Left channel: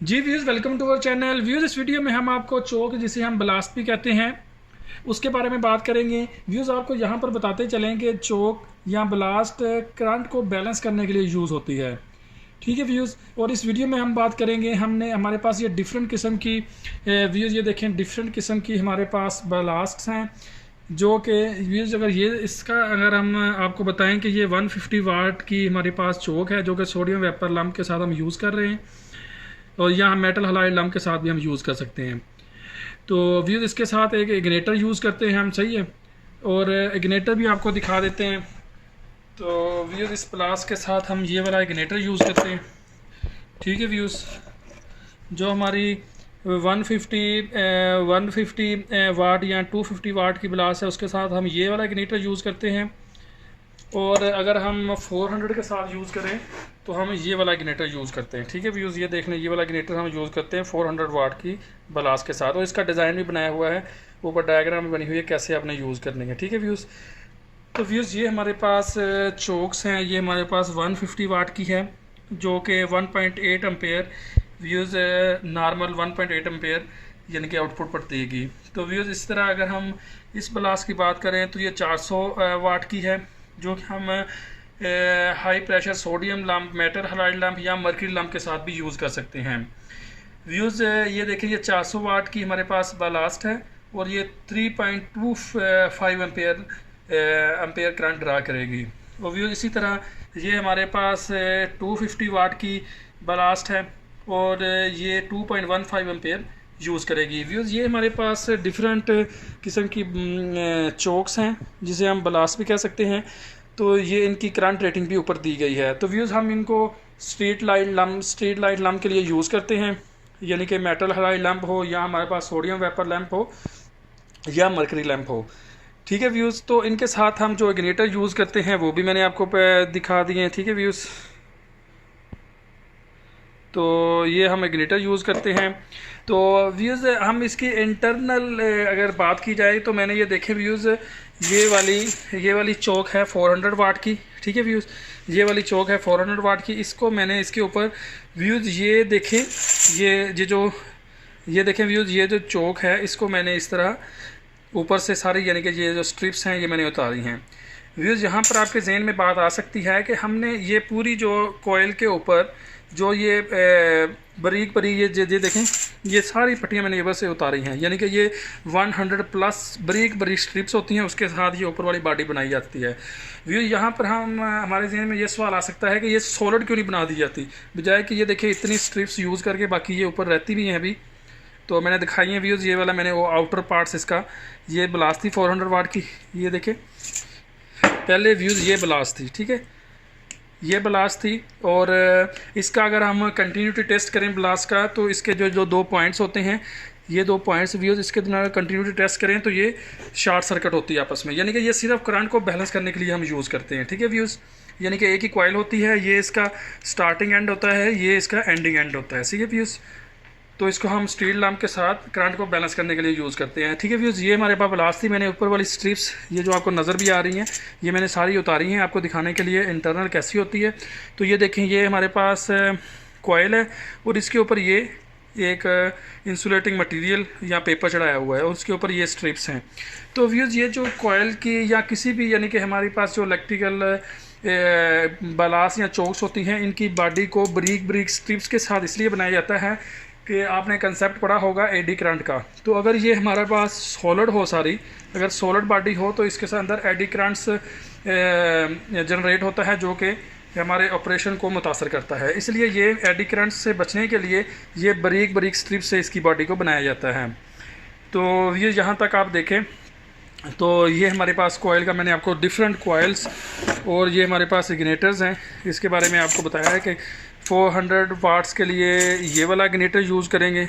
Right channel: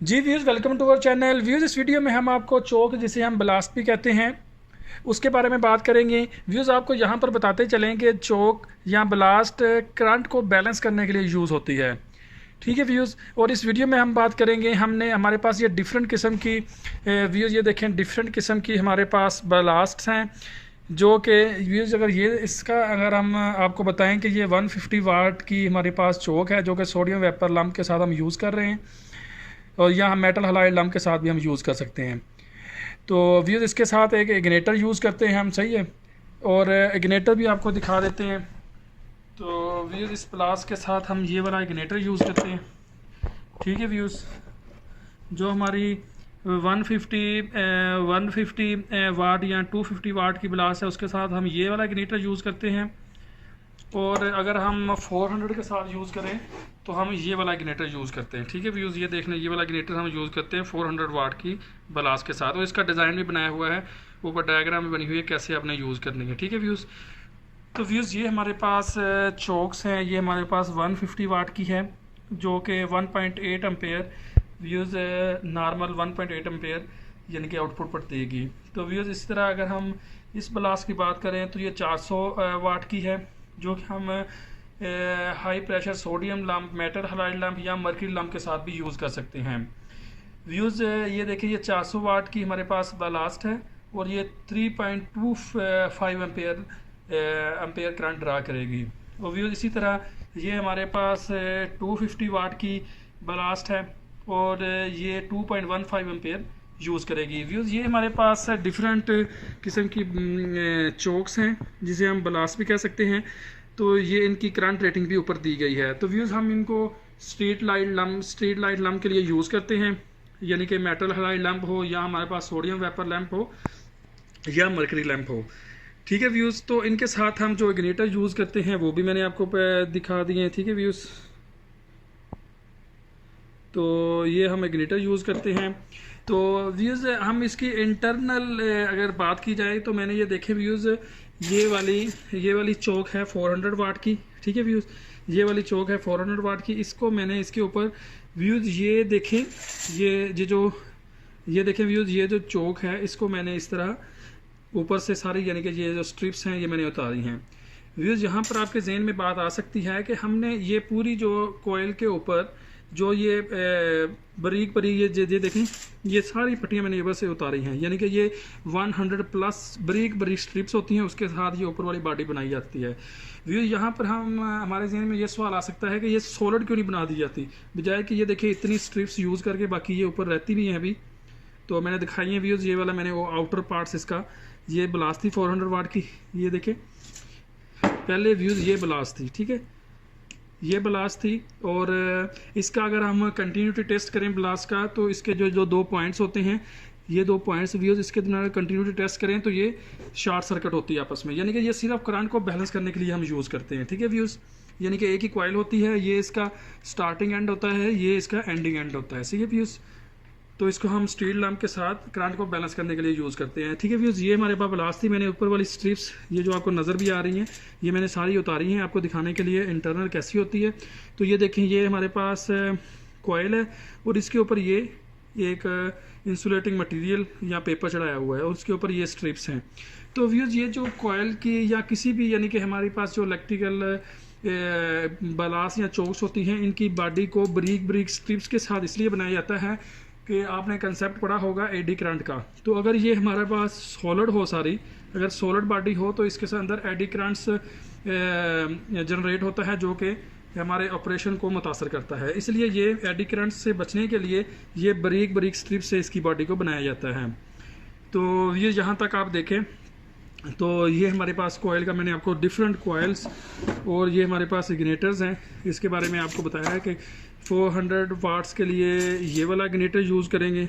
Ji views, welcome to our channel. Views, इस video में हम आपको चोक, जिसे हम ब्लास्ट भी कहते हैं, उसके बारे में बात करेंगे। व्यूज़, आपको यहाँ पर बताते चलें कि चोक या ब्लास्ट करंट को बैलेंस करने के लिए यूज़ होती है। ठीक है व्यूज़, और इस वीडियो में हम बात करेंगे, हमारे पास ये डिफरेंट किस्म की व्यूज़, ये देखें डिफरेंट किस्म की हमारे पास ब्लास्ट हैं, जो कि व्यूज़ अगर हम आपको बताएं कि ये 150 वाट की हमारे पास चोक है, जो कि सोडियम वेपर लैंप के साथ हम यूज़ कर रहे हैं, और यहाँ मेटल हलाइड लैंप के साथ भी हम यूज़ कर सकते हैं। तो व्यूज़, इसके साथ एक इग्नेटर यूज़ करते हैं हम, सही है, और इग्नेटर भी आपको दिखा देते हैं। तो व्यूज़, इस प्लास के साथ हम ये वाला इग्नेटर यूज़ करते हैं। ठीक है व्यूज़, जो हमारी 150 वाट या 250 वाट की ब्लास है, उसके साथ हम ये वाला इग्नेटर यूज़ करते हैं। और अगर हम 400 के साथ यूज़ करें तो हम ये वाला इग्नेटर यूज़ करते हैं। ठीक है व्यूज़, ये देख लें, ये वाला इग्नेटर हम यूज़ करते हैं 400 वाट की ब्लास के साथ, और इसका डिज़ाइन भी बनाया हुआ है, ऊपर डायग्राम भी बनी हुई है कैसे आपने यूज़ करनी है। ठीक है व्यूज़, तो व्यूज़ ये हमारे पास चोक्स हैं, ये हमारे पास 150 वाट की है, जो कि 1.8 एम्पेयर व्यूज़ नॉर्मल 1.8 एम्पेयर यानी कि आउटपुट पर देगी। तो व्यूज़, इस तरह अगर हम इस ब्लास की बात करें तो ये 400 वाट की है, जो कि हम high pressure sodium lamp, metal halide lamp या मर्क्यूरी लैम्प के साथ भी यूज़ कर सकते हैं। व्यूज़, ये देखिए, ये 400 वाट की हमारे पास ब्लास्ट है, और ये 3.25 एम्पेयर करंट ड्रा करेगी। और व्यूज़, इसी तरह ये हमारे पास 250 वाट की ब्लास्ट है, और ये 2.15 एम्पेयर यूज़ करेगी। व्यूज़, ये हमारे पास डिफरेंट किस्म की चोक्स हैं, जिसे हम ब्लास्ट भी कह सकते हैं। तो ये इनकी करंट रेटिंग भी ऊपर दी गई है। तो व्यूज़, हम इनको स्ट्रीट लाइट लैम्प के लिए यूज़ करते हैं, यानी कि मेटल हलाइड लैम्प हो, या हमारे पास सोडियम वेपर लैम्प हो, या मर्करी लैम्प हो। ठीक है व्यूज़, तो इनके साथ हम जो इग्निटर यूज़ करते हैं वो भी मैंने आपको दिखा दिए हैं। ठीक है व्यूज़, तो ये हम इग्निटर यूज़ करते हैं। तो व्यूज़, हम इसकी इंटरनल अगर बात की जाए तो मैंने ये देखे व्यूज़, ये वाली चोक है 400 वाट की। ठीक है व्यूज़, ये वाली चोक है 400 वाट की। इसको मैंने इसके ऊपर व्यूज़ ये देखें, ये देखें व्यूज़, ये जो चोक है इसको मैंने इस तरह ऊपर से सारी, यानी कि ये जो स्ट्रिप्स हैं ये मैंने उतारी हैं। व्यूज़, यहाँ पर आपके जहन में बात आ सकती है कि हमने ये पूरी जो कोयल के ऊपर जो ये बारीक बारीक ये देखें, ये सारी पट्टियाँ मैंने ऊपर से उतारी हैं, यानी कि ये 100 प्लस बारीक बारीक स्ट्रिप्स होती हैं, उसके साथ ये ऊपर वाली बॉडी बनाई जाती है। व्यू, यहाँ पर हमारे जहन में ये सवाल आ सकता है कि ये सॉलिड क्यों नहीं बना दी जाती, बजाय कि ये देखिए इतनी स्ट्रिप्स यूज़ करके बाकी ये ऊपर रहती भी हैं अभी। तो मैंने दिखाई है व्यूज़, ये वाला मैंने वो आउटर पार्ट्स इसका, ये ब्लास्ट थी 400 वाट की, ये देखें पहले व्यूज़, ये ब्लास्ट थी। ठीक है, ये ब्लास्ट थी, और इसका अगर हम कंटिन्यूटी टेस्ट करें ब्लास्ट का, तो इसके जो दो पॉइंट्स होते हैं, ये दो पॉइंट्स व्यूज़, इसके द्वारा कंटिन्यूटी टेस्ट करें तो ये शॉर्ट सर्किट होती है आपस में, यानी कि ये सिर्फ करंट को बैलेंस करने के लिए हम यूज़ करते हैं। ठीक है व्यूज़, यानी कि एक ही कॉइल होती है, ये इसका स्टार्टिंग एंड होता है, ये इसका एंडिंग एंड होता है। ठीक है व्यूज़, तो इसको हम स्टील लैम्प के साथ करंट को बैलेंस करने के लिए यूज़ करते हैं। ठीक है व्यूज़, ये हमारे पास ब्लास्ट थी, मैंने ऊपर वाली स्ट्रिप्स, ये जो आपको नज़र भी आ रही हैं, ये मैंने सारी उतारी हैं आपको दिखाने के लिए इंटरनल कैसी होती है। तो ये देखें, ये हमारे पास कॉइल है, और इसके ऊपर ये एक इंसुलेटिंग मटेरियल या पेपर चढ़ाया हुआ है, और उसके ऊपर ये स्ट्रिप्स हैं। तो व्यूज़, ये जो कॉइल की या किसी भी, यानी कि हमारे पास जो इलेक्ट्रिकल ब्लास्ट या चोक्स होती हैं, इनकी बॉडी को बारीक बारीक स्ट्रिप्स के साथ इसलिए बनाया जाता है कि आपने कंसेप्ट पढ़ा होगा एडी करंट का। तो अगर ये हमारे पास सॉलिड हो सारी, अगर सॉलिड बॉडी हो, तो इसके अंदर एडी करंट्स जनरेट होता है, जो कि हमारे ऑपरेशन को मुतासर करता है। इसलिए ये एडी करंट्स से बचने के लिए ये बारीक बारीक स्ट्रिप से इसकी बॉडी को बनाया जाता है। तो ये यहाँ तक आप देखें, तो ये हमारे पास कॉइल का मैंने आपको डिफरेंट कॉइल्स, और ये हमारे पास इग्निटर्स हैं, इसके बारे में आपको बताया है कि 400 वाट्स के लिए ये वाला इग्निटर यूज़ करेंगे।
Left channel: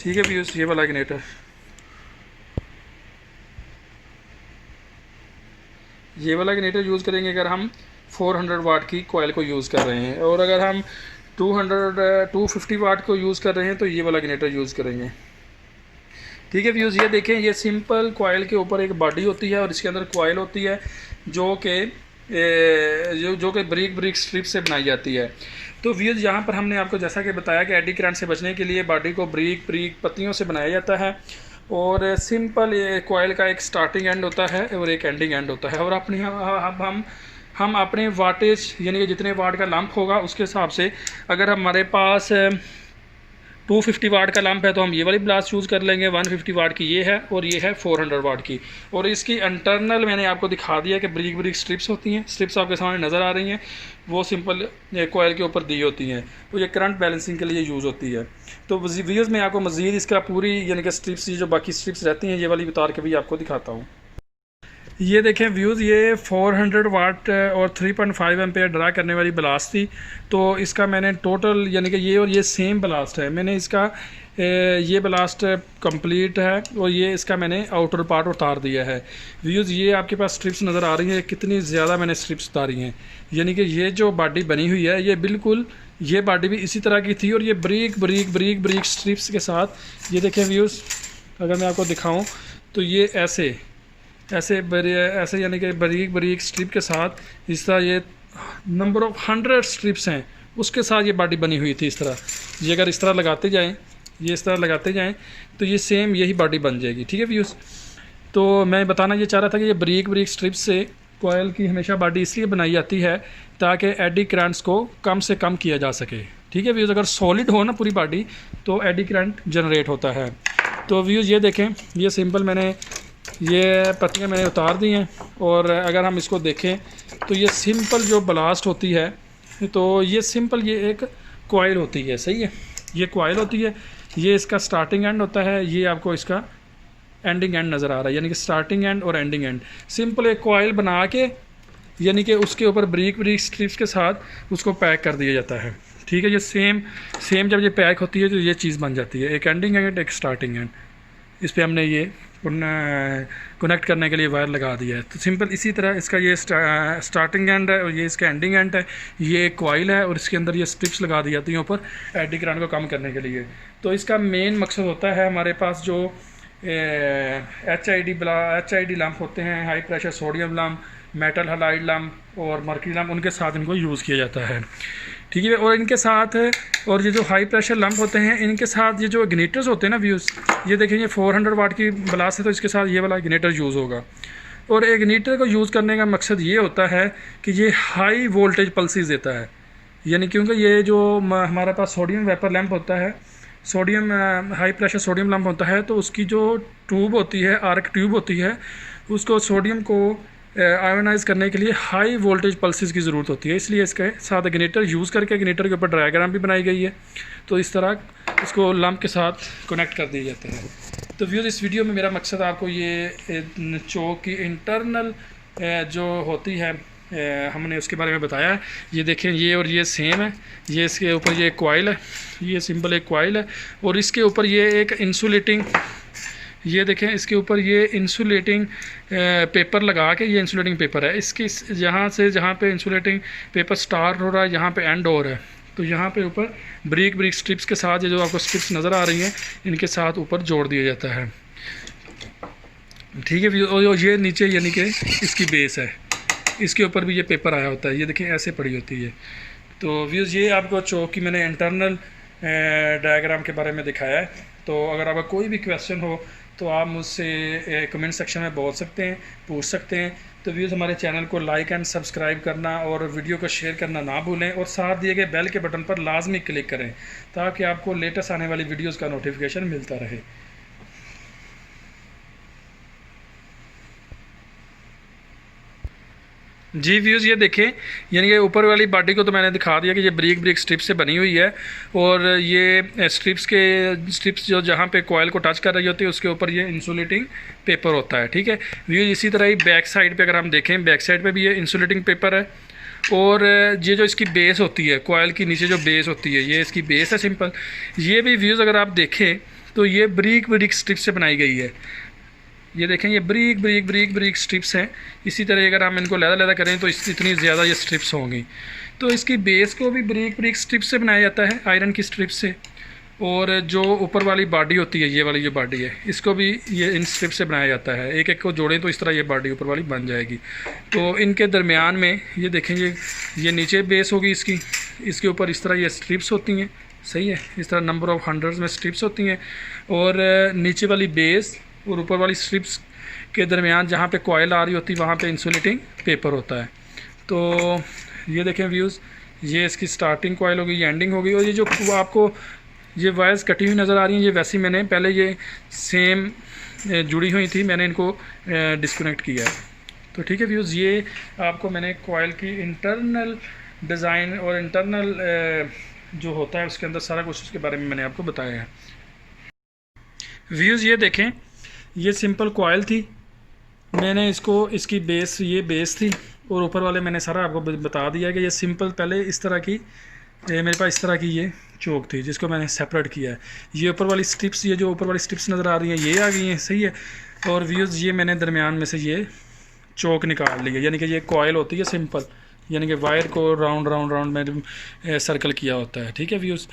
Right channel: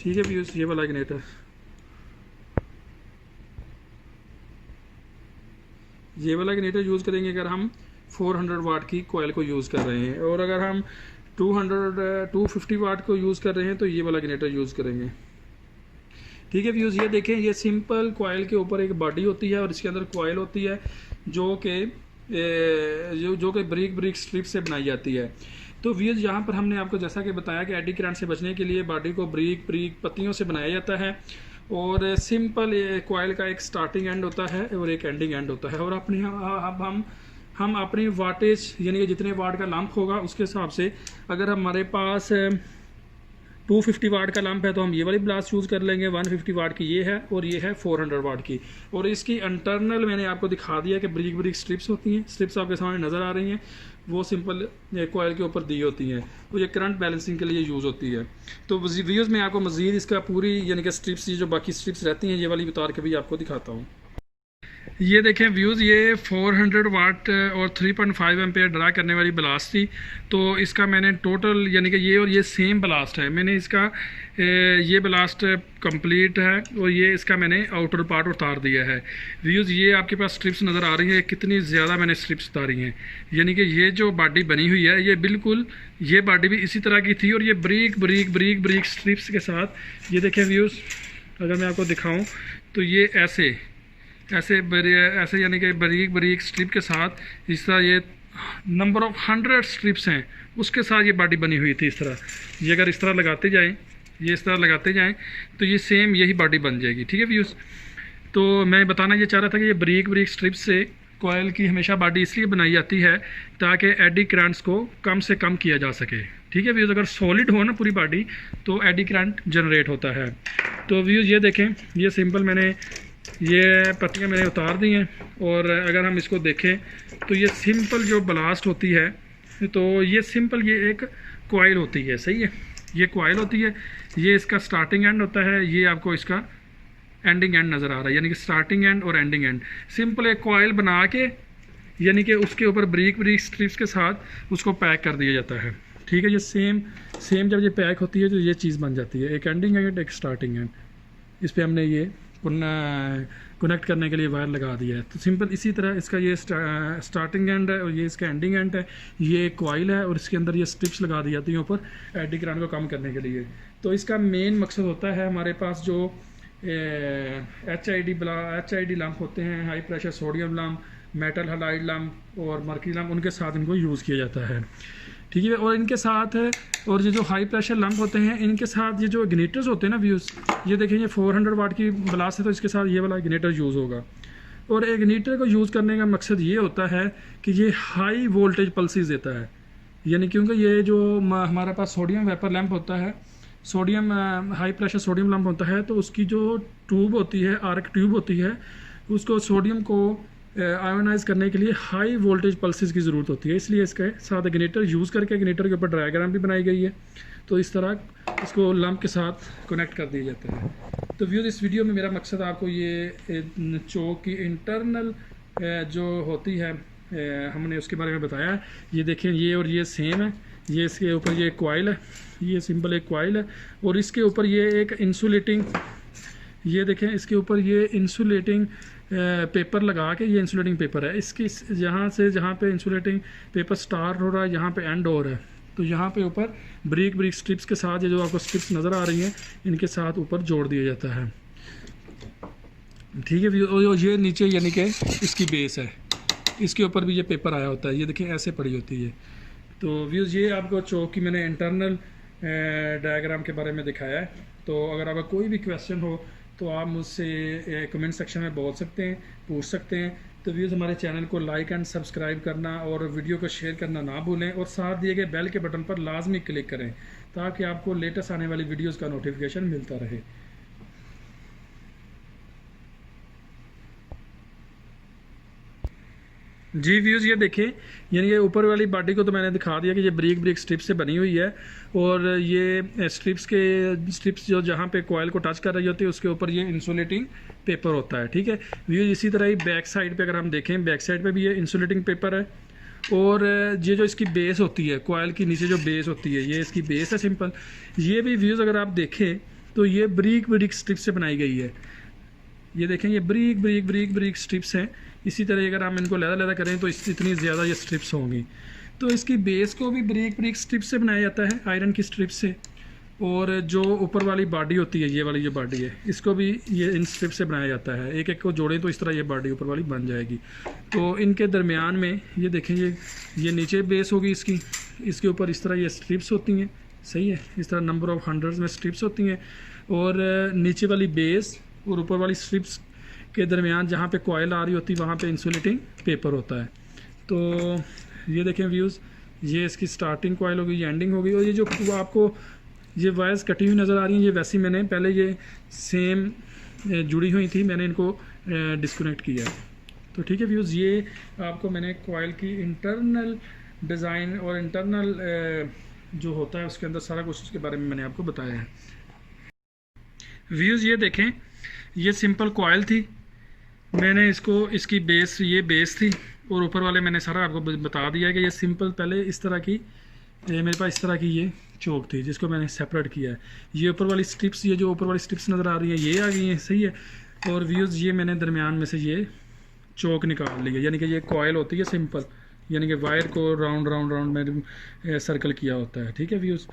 ठीक है व्यूज़, ये वाला इग्निटर, ये वाला इग्निटर यूज़ करेंगे अगर हम 400 वाट की कॉइल को यूज़ कर रहे हैं, और अगर हम 250 वाट को यूज़ कर रहे हैं तो ये वाला इग्निटर यूज़ करेंगे। ठीक है व्यूज़, ये देखें, ये सिंपल कॉइल के ऊपर एक बॉडी होती है, और इसके अंदर कॉइल होती है, जो कि बारीक बारीक स्ट्रिप से बनाई जाती है। तो व्यूज़ यहाँ पर हमने आपको जैसा कि बताया कि एडी करंट से बचने के लिए बॉडी को ब्रीक ब्रीक पत्तियों से बनाया जाता है और सिंपल ये कॉइल का एक स्टार्टिंग एंड होता है और एक एंडिंग एंड होता है। और अपनी हम अपने वाटेज यानी कि जितने वाट का लंप होगा उसके हिसाब से, अगर हमारे पास 250 वाट का लंप है तो हम ये वाली ब्लास्ट यूज़ कर लेंगे। 150 वाट की ये है और ये है 400 वाट की। और इसकी इंटरनल मैंने आपको दिखा दिया कि ब्रीक ब्रीक स्ट्रिप्स होती हैं, स्ट्रिप्स आपके सामने नज़र आ रही हैं, वो सिंपल कॉइल के ऊपर दी होती हैं, तो ये करंट बैलेंसिंग के लिए यूज़ होती है। तो व्यूज़ में आपको मज़ीद इसका पूरी यानी कि स्ट्रिप्स, ये जो बाकी स्ट्रिप्स रहती हैं, ये वाली उतार के भी आपको दिखाता हूँ। ये देखें व्यूज़, ये 400 वाट और 3.5 एम्पेयर ड्रा करने वाली ब्लास्ट थी। तो इसका मैंने टोटल यानी कि ये और ये सेम ब्लास्ट है, मैंने इसका ये ब्लास्ट कंप्लीट है और ये इसका मैंने आउटर पार्ट उतार दिया है। व्यूज़ ये आपके पास स्ट्रिप्स नज़र आ रही हैं, कितनी ज़्यादा मैंने स्ट्रिप्स उतारी हैं। यानी कि ये जो बॉडी बनी हुई है ये बिल्कुल ये बॉडी भी इसी तरह की थी और ये break break break break strips के साथ, ये देखें व्यूज़, अगर मैं आपको दिखाऊँ तो ये ऐसे यानी कि बारीक बारीक स्ट्रिप के साथ इस तरह ये नंबर ऑफ 100 स्ट्रिप्स हैं, उसके साथ ये बॉडी बनी हुई थी। इस तरह ये अगर इस तरह लगाते जाएं, ये इस तरह लगाते जाएं तो ये सेम यही बॉडी बन जाएगी। ठीक है व्यूज़, तो मैं बताना ये चाह रहा था कि ये बारीक बारीक स्ट्रिप्स से कॉयल की हमेशा बॉडी इसलिए बनाई जाती है ताकि एडी करंट्स को कम से कम किया जा सके। ठीक है व्यूज़, अगर सॉलिड हो ना पूरी बॉडी तो एडी करंट जनरेट होता है। तो व्यूज़ ये देखें, ये सिंपल मैंने ये पत्तियां मैंने उतार दी हैं और अगर हम इसको देखें तो ये सिंपल जो ब्लास्ट होती है, तो ये सिंपल ये एक कॉइल होती है, सही है, ये कॉइल होती है, ये इसका स्टार्टिंग एंड होता है, ये आपको इसका एंडिंग एंड नज़र आ रहा है, यानी कि स्टार्टिंग एंड और एंडिंग एंड। सिंपल एक कॉइल बना के यानी कि उसके ऊपर ब्रीक ब्रीक स्ट्रिप्स के साथ उसको पैक कर दिया जाता है। ठीक है, ये सेम जब ये पैक होती है तो ये चीज़ बन जाती है, एक एंडिंग एंड एक स्टार्टिंग एंड। इस पर हमने ये कनेक्ट करने के लिए वायर लगा दिया है। तो सिंपल इसी तरह इसका ये स्टार्टिंग एंड है और ये इसका एंडिंग एंड है, ये एक कॉइल है और इसके अंदर ये स्ट्रिप्स लगा दी जाती हैं ऊपर एडी करंट को कम करने के लिए। तो इसका मेन मकसद होता है हमारे पास जो HID लैम्प होते हैं, high pressure sodium lamp, metal halide lamp और मर्क्यूरी लैम्प, उनके साथ इनको यूज़ किया जाता है। ठीक है, और इनके साथ और ये जो हाई प्रेशर लैम्प होते हैं इनके साथ ये जो इग्निटर्स होते हैं ना व्यूज़, ये देखें ये 400 वाट की ब्लास्ट है तो इसके साथ ये वाला इग्निटर यूज़ होगा। और इग्निटर को यूज़ करने का मकसद ये होता है कि ये हाई वोल्टेज पल्सेस देता है, यानी क्योंकि ये जो हमारे पास सोडियम वेपर लैम्प होता है, sodium high pressure sodium lamp होता है, तो उसकी जो ट्यूब होती है, आर्क ट्यूब होती है, उसको सोडियम को आयोनाइज करने के लिए हाई वोल्टेज पल्सेस की ज़रूरत होती है, इसलिए इसके साथ इग्निटर यूज़ करके इग्निटर के ऊपर डायग्राम भी बनाई गई है। तो इस तरह इसको लैम्प के साथ कनेक्ट कर दिया जाता है। तो व्यूज़, इस वीडियो में मेरा मकसद आपको ये चोक की इंटरनल जो होती है हमने उसके बारे में बताया है। ये देखें, ये और ये सेम है, ये इसके ऊपर ये कॉइल है, ये सिंपल एक कॉइल है और इसके ऊपर ये एक इंसुलेटिंग, ये देखें इसके ऊपर ये इंसुलेटिंग पेपर लगा के, ये इंसुलेटिंग पेपर है, इसकी यहाँ से जहाँ पे इंसुलेटिंग पेपर स्टार्ट हो रहा है यहाँ पे एंड हो रहा है, तो यहाँ पे ऊपर ब्रीक ब्रीक स्ट्रिप्स के साथ ये जो आपको स्ट्रिप्स नज़र आ रही हैं इनके साथ ऊपर जोड़ दिया जाता है। ठीक है, और ये नीचे यानी कि इसकी बेस है, इसके ऊपर भी ये पेपर आया होता है, ये देखें ऐसे पड़ी होती है। तो व्यूज़, ये आपको चोक की मैंने इंटरनल डायग्राम के बारे में दिखाया है। तो अगर आपका कोई भी क्वेश्चन हो तो आप मुझसे कमेंट सेक्शन में बोल सकते हैं, पूछ सकते हैं। तो व्यूज़, हमारे चैनल को लाइक एंड सब्सक्राइब करना और वीडियो को शेयर करना ना भूलें और साथ दिए गए बेल के बटन पर लाजमी क्लिक करें ताकि आपको लेटेस्ट आने वाली वीडियोज़ का नोटिफिकेशन मिलता रहे। जी व्यूज़, ये देखें, यानी कि ऊपर वाली बॉडी को तो मैंने दिखा दिया कि ये ब्रीक ब्रीक स्ट्रिप से बनी हुई है और ये स्ट्रिप्स जो जहाँ पे कॉइल को टच कर रही होती है उसके ऊपर ये इंसुलेटिंग पेपर होता है। ठीक है व्यूज़, इसी तरह ही बैक साइड पे अगर हम देखें, बैक साइड पे भी ये इंसुलेटिंग पेपर है और ये जो इसकी बेस होती है, कॉइल की नीचे जो बेस होती है, ये इसकी बेस है सिंपल। ये भी व्यूज़ अगर आप देखें तो ये ब्रीक ब्रीक स्ट्रिप से बनाई गई है, ये देखें ये break break break break strips हैं। इसी तरह अगर हम इनको लहदा करें तो इतनी ज़्यादा ये स्ट्रिप्स होंगी। तो इसकी बेस को भी ब्रीक ब्रीक स्ट्रिप्स से बनाया जाता है, आयरन की स्ट्रिप से, और जो ऊपर वाली बॉडी होती है, ये वाली जो बॉडी है, इसको भी ये इन स्ट्रिप से बनाया जाता है। एक एक को जोड़ें तो इस तरह ये बॉडी ऊपर वाली बन जाएगी। तो इनके दरमियान में ये देखें, ये नीचे बेस होगी इसकी, इसके ऊपर इस तरह ये स्ट्रिप्स होती हैं, सही है, इस तरह नंबर ऑफ़ हंड्रेड्स में स्ट्रिप्स होती हैं, और नीचे वाली बेस और ऊपर वाली स्ट्रिप्स के दरमियान जहाँ पे कॉयल आ रही होती है वहाँ पे इंसुलेटिंग पेपर होता है। तो ये देखें व्यूज़, ये इसकी स्टार्टिंग कॉयल हो गई, ये एंडिंग हो गई, और ये जो आपको ये वायर्स कटी हुई नज़र आ रही हैं, ये वैसी मैंने पहले ये सेम जुड़ी हुई थी, मैंने इनको डिस्कनेक्ट किया है। तो ठीक है व्यूज़, ये आपको मैंने कॉयल की इंटरनल डिज़ाइन और इंटरनल जो होता है उसके अंदर सारा कुछ उसके बारे में मैंने आपको बताया है। व्यूज़ ये देखें, ये सिंपल कॉयल थी, मैंने इसको इसकी बेस, ये बेस थी, और ऊपर वाले मैंने सारा आपको बता दिया कि ये सिंपल पहले इस तरह की मेरे पास इस तरह की ये चोक थी जिसको मैंने सेपरेट किया है। ये ऊपर वाली स्ट्रिप्स, ये जो ऊपर वाली स्ट्रिप्स नज़र आ रही हैं ये आ गई हैं, सही है। और व्यूज़ ये मैंने दरमियान में से ये चोक निकाल ली है, यानी कि ये कॉयल होती है सिंपल, यानी कि वायर को राउंड राउंड राउंड में सर्कल किया होता है, ठीक है व्यूज़।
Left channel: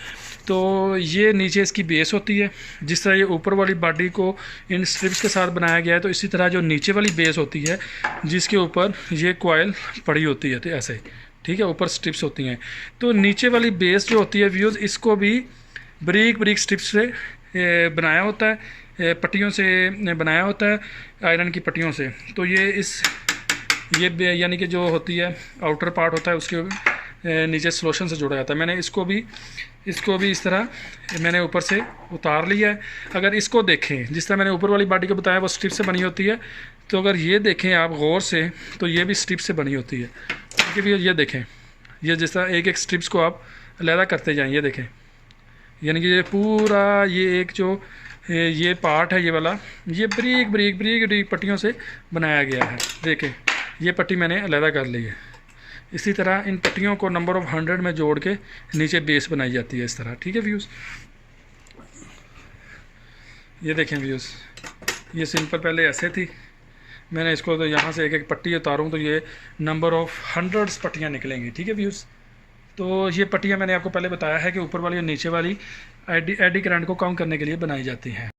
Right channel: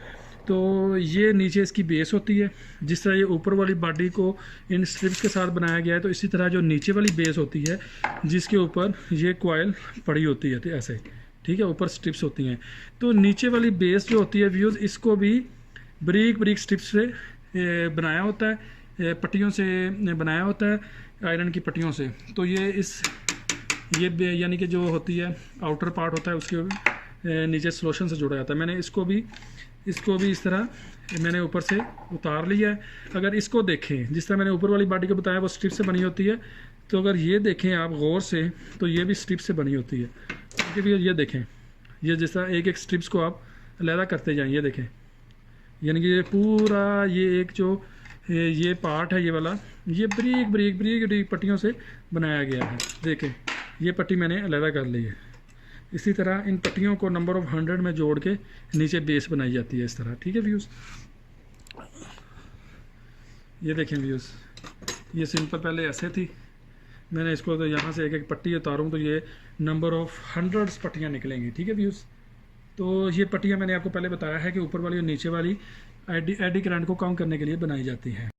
तो ये नीचे इसकी बेस होती है, जिस तरह ये ऊपर वाली बॉडी को इन स्ट्रिप्स के साथ बनाया गया है, तो इसी तरह जो नीचे वाली बेस होती है जिसके ऊपर ये कॉयल पड़ी होती है, तो ऐसे, ठीक है, ऊपर स्ट्रिप्स होती हैं। तो नीचे वाली बेस जो होती है व्यूज़, इसको भी बारीक बारीक स्ट्रिप्स से बनाया होता है, पट्टियों से बनाया होता है, आयरन की पट्टियों से। तो ये यानी कि जो होती है आउटर पार्ट होता है उसके नीचे सलोशन से जुड़ा जाता है। मैंने इसको भी इस तरह मैंने ऊपर से उतार लिया है। अगर इसको देखें, जिस तरह मैंने ऊपर वाली बॉडी को बताया वो स्ट्रिप से बनी होती है, तो अगर ये देखें आप गौर से तो ये भी स्ट्रिप से बनी होती है, ठीक है भैया। ये देखें, ये जिस तरह एक एक स्ट्रिप्स को आप अलहदा करते जाएँ, ये देखें, यानी कि ये पूरा ये एक जो ये पार्ट है ये वाला, ये बारीक बारीक बारीक बारीक पट्टियों से बनाया गया है। देखें, ये पट्टी मैंने अलहदा कर ली है। इसी तरह इन पट्टियों को नंबर ऑफ़ 100 में जोड़ के नीचे बेस बनाई जाती है इस तरह, ठीक है व्यूज़। ये देखें व्यूज़, ये सिंपल पहले ऐसे थी, मैंने इसको तो यहाँ से एक एक पट्टी उतारूँ तो ये नंबर ऑफ़ 100 पट्टियाँ निकलेंगी, ठीक है व्यूज़। तो ये पट्टियाँ मैंने आपको पहले बताया है कि ऊपर वाली और नीचे वाली एडी करंट को कम करने के लिए बनाई जाती हैं।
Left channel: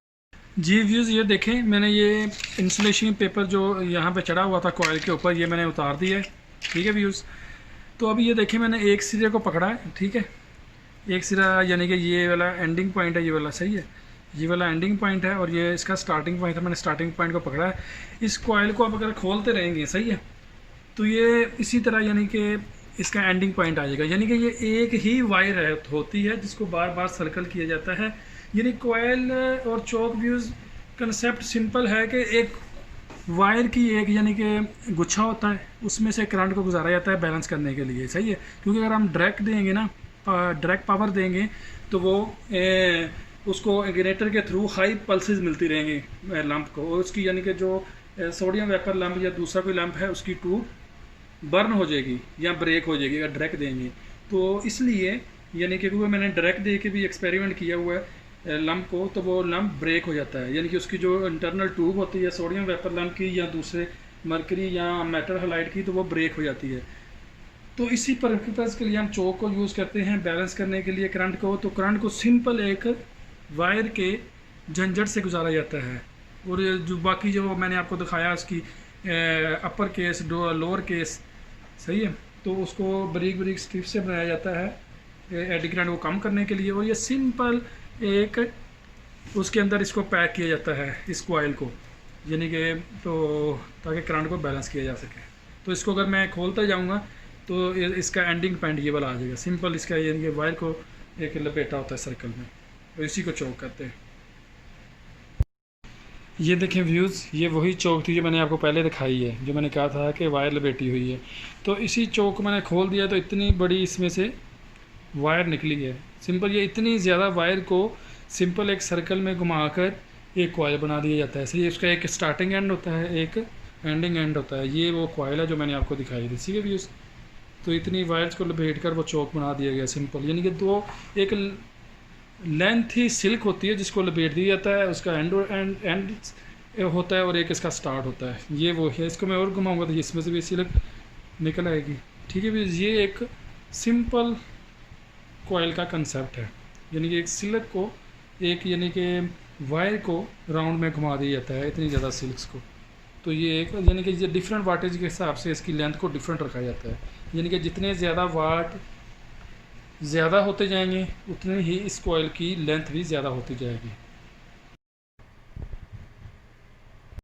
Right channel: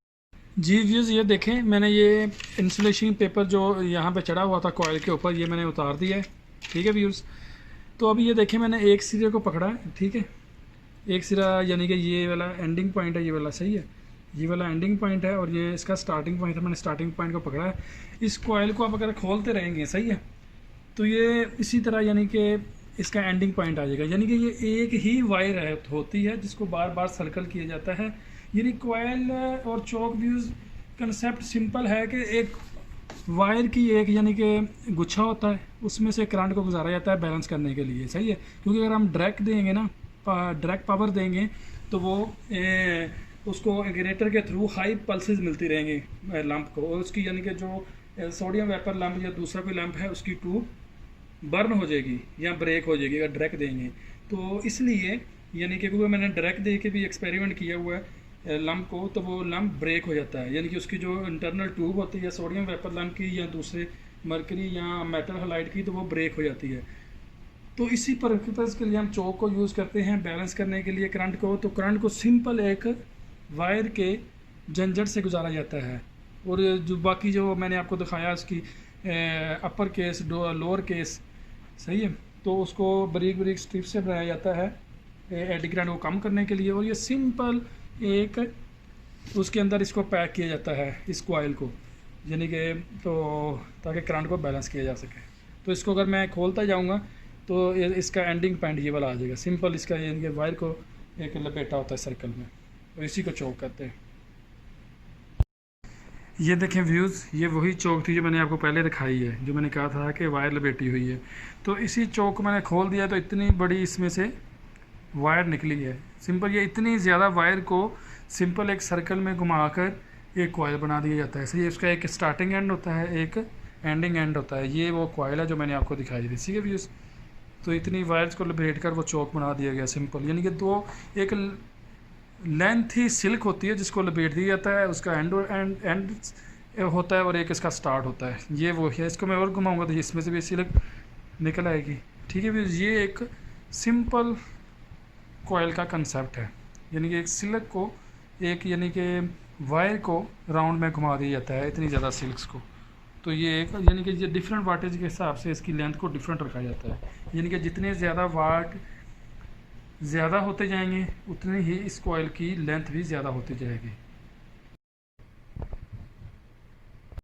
जी व्यूज़, ये देखें, मैंने ये इंसुलेशन पेपर जो यहाँ पे चढ़ा हुआ था कॉयल के ऊपर, ये मैंने उतार दिया है, ठीक है व्यूज़। तो अभी ये देखें, मैंने एक सिरे को पकड़ा है, ठीक है, एक सिरा यानी कि ये वाला एंडिंग पॉइंट है, ये वाला, सही है, ये वाला एंडिंग पॉइंट है, और ये इसका स्टार्टिंग पॉइंट है। मैंने स्टार्टिंग पॉइंट को पकड़ा है। इस कॉयल को आप अगर खोलते रहेंगे, सही है, तो ये इसी तरह यानी कि इसका एंडिंग पॉइंट आ जाएगा, यानी कि ये एक ही वायर होती है जिसको बार बार सर्कल किया जाता है। यानी कॉयल और चोक व्यूज़ कंसेप्ट सिंपल है कि एक वायर की एक यानी कि गुच्छा होता है, उसमें से करंट को गुजारा जाता है बैलेंस करने के लिए, सही है। क्योंकि अगर हम डायरेक्ट देंगे ना, डायरेक्ट पावर देंगे, तो वो उसको इग्निटर के थ्रू हाई पल्सेस मिलती रहेंगी लैंप को, और उसकी यानी कि जो सोडियम वेपर लैंप या दूसरा कोई लैंप है उसकी ट्यूब बर्न हो जाएगी या ब्रेक हो जाएगी अगर डायरेक्ट देंगे। तो इसलिए यानी कि क्योंकि मैंने डायरेक्ट दे के भी एक्सपेरिमेंट किया हुआ है लैंप को, तो वो लैंप ब्रेक हो जाता है, यानी कि उसकी जो इंटरनल ट्यूब होती है सोडियम वेपर लैंप की या दूसरे मरकरी या मेटल हाइलाइट की, तो वो ब्रेक हो जाती है। तो इसी पर्पज़ के लिए हम चोक को यूज़ करते हैं बैलेंस करने के लिए करंट को। तो करंट को सिंपल एक वायर के झंझट से गुजारा जाता है, और जो बाकी जो मैंने आपको दिखाया उसकी अपर केस लोअर केस, सही है, तो उसको बारीक बारीक स्ट्रिप से बनाया जाता है एडी करंट को कम करने के लिए। और ये सिंपल एक उसके अंदर इसको पैक किया जाता है इस कॉइल को, यानी कि तो ताकि करंट को बैलेंस किया जा सके। तो इसको अगर मैं खोलता जाऊंगा तो इसका एंडिंग पॉइंट ये वाला आ जाएगा, सिंपल इसका यानी कि वायर को एक लपेटा होता है सर्कल में, तो इसी को चौक कहते हैं। ये देखें व्यूज़, ये वही चौक थी जो मैंने आपको पहले दिखाई है, जो मैंने कहा था कि वायर लपेटी हुई है। तो इसी चौक को मैंने खोल दिया तो इतनी बड़ी इसमें से वायर निकली है। सिंपल ये इतनी ज़्यादा वायर को सिंपल एक सर्कल में घुमाकर एक कॉइल बना दिया जाता है। सही, इसका एक स्टार्टिंग एंड होता है, एक एंडिंग एंड होता है। ये वो कॉइल है जो मैंने आपको दिखाई थी, ठीक है व्यूज़। तो इतनी वायर्स को लपेट कर वो चौक बना दिया गया सिंपल, यानी कि दो एक लेंथ ही सिल्क होती है जिसको लपेट दिया जाता है, उसका एंड होता है और एक इसका स्टार्ट होता है। ये वो है, इसको मैं और घुमाऊंगा तो इसमें से भी सिल्क निकल आएगी, ठीक है व्यूज़। ये एक सिंपल कॉइल का कंसेप्ट है, यानी कि एक सिल्क को एक यानी कि वायर को राउंड में घुमा दिया जाता है इतनी ज़्यादा सिल्क्स को। तो ये एक यानी कि ये डिफरेंट वाटेज के हिसाब से इसकी लेंथ को डिफरेंट रखा जाता है, यानी कि जितने ज़्यादा वाट ज़्यादा होते जाएंगे उतनी ही इस कोयल की लेंथ भी ज़्यादा होती जाएगी।